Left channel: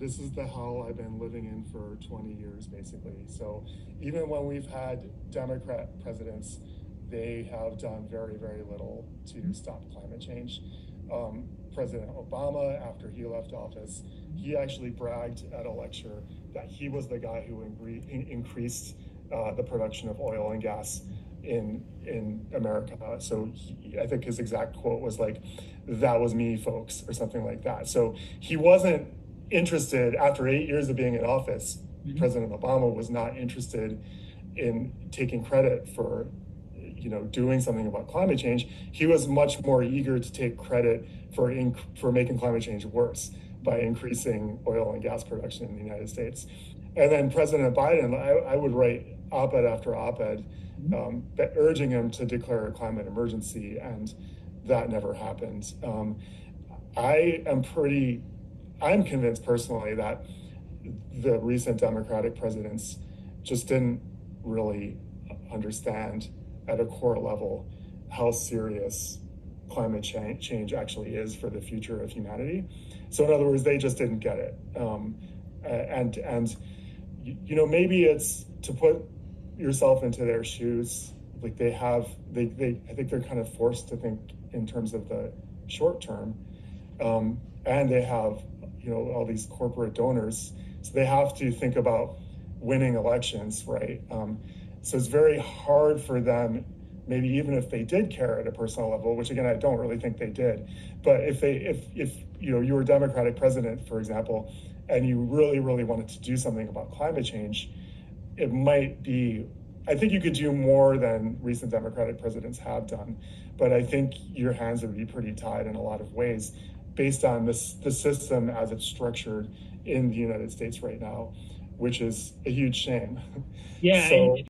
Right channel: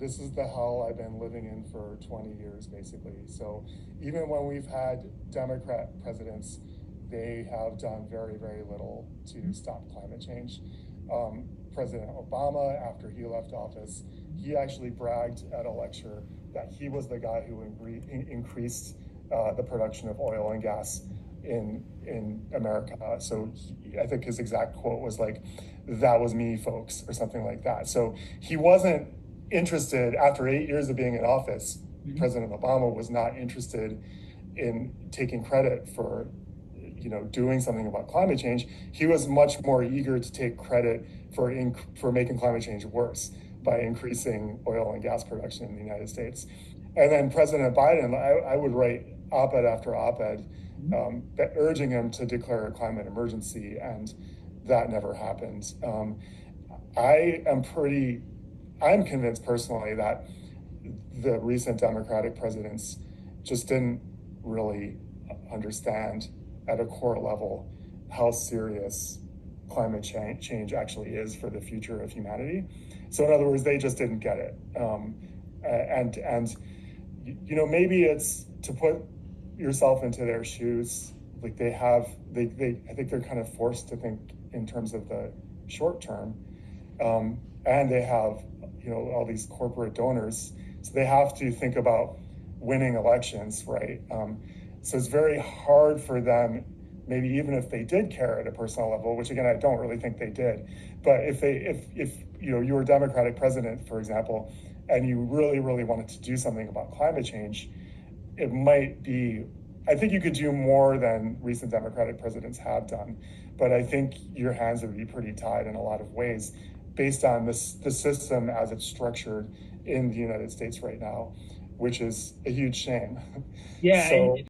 this is the hell I've been living in for 20 years, basically. So even when we've had Democrat presidents, they have done very, very little to stop climate change. President Obama, after he left office, he actually bragged at a lecture that he was the guy who increased the production of oil and gas in America. So I think his exact quote was like, "That was me, folks," or something like that. So he wasn't interested after 8 years of being in office. President Obama was not interested in taking credit for doing something about climate change. He was much more eager to take credit for making climate change worse by increasing oil and gas production in the United States. And then President Biden, I would write op-ed after op-ed urging him to declare a climate emergency, and that never happened. I'm convinced personally that the recent Democratic presidents just didn't really understand at a core level how serious climate change actually is for the future of humanity. So in other words, they just didn't get it. And maybe it's to put yourself into their shoes. Like I think they're kind of forced to think in terms of the short term. And they have, all these corporate donors. So they have to think about winning elections, right? So it's very hard for them, maybe even if they did care at a personal level, which again, I don't really think they did. But if you were a Democratic president, for example, and you really, really wanted to do something about climate change, it might be, I think you could do more than recent Democratic presidents have done. But I think your hands would be pretty tied in a lot of ways based on the system as it's structured in the United States right now, which is a huge shame. Yeah. So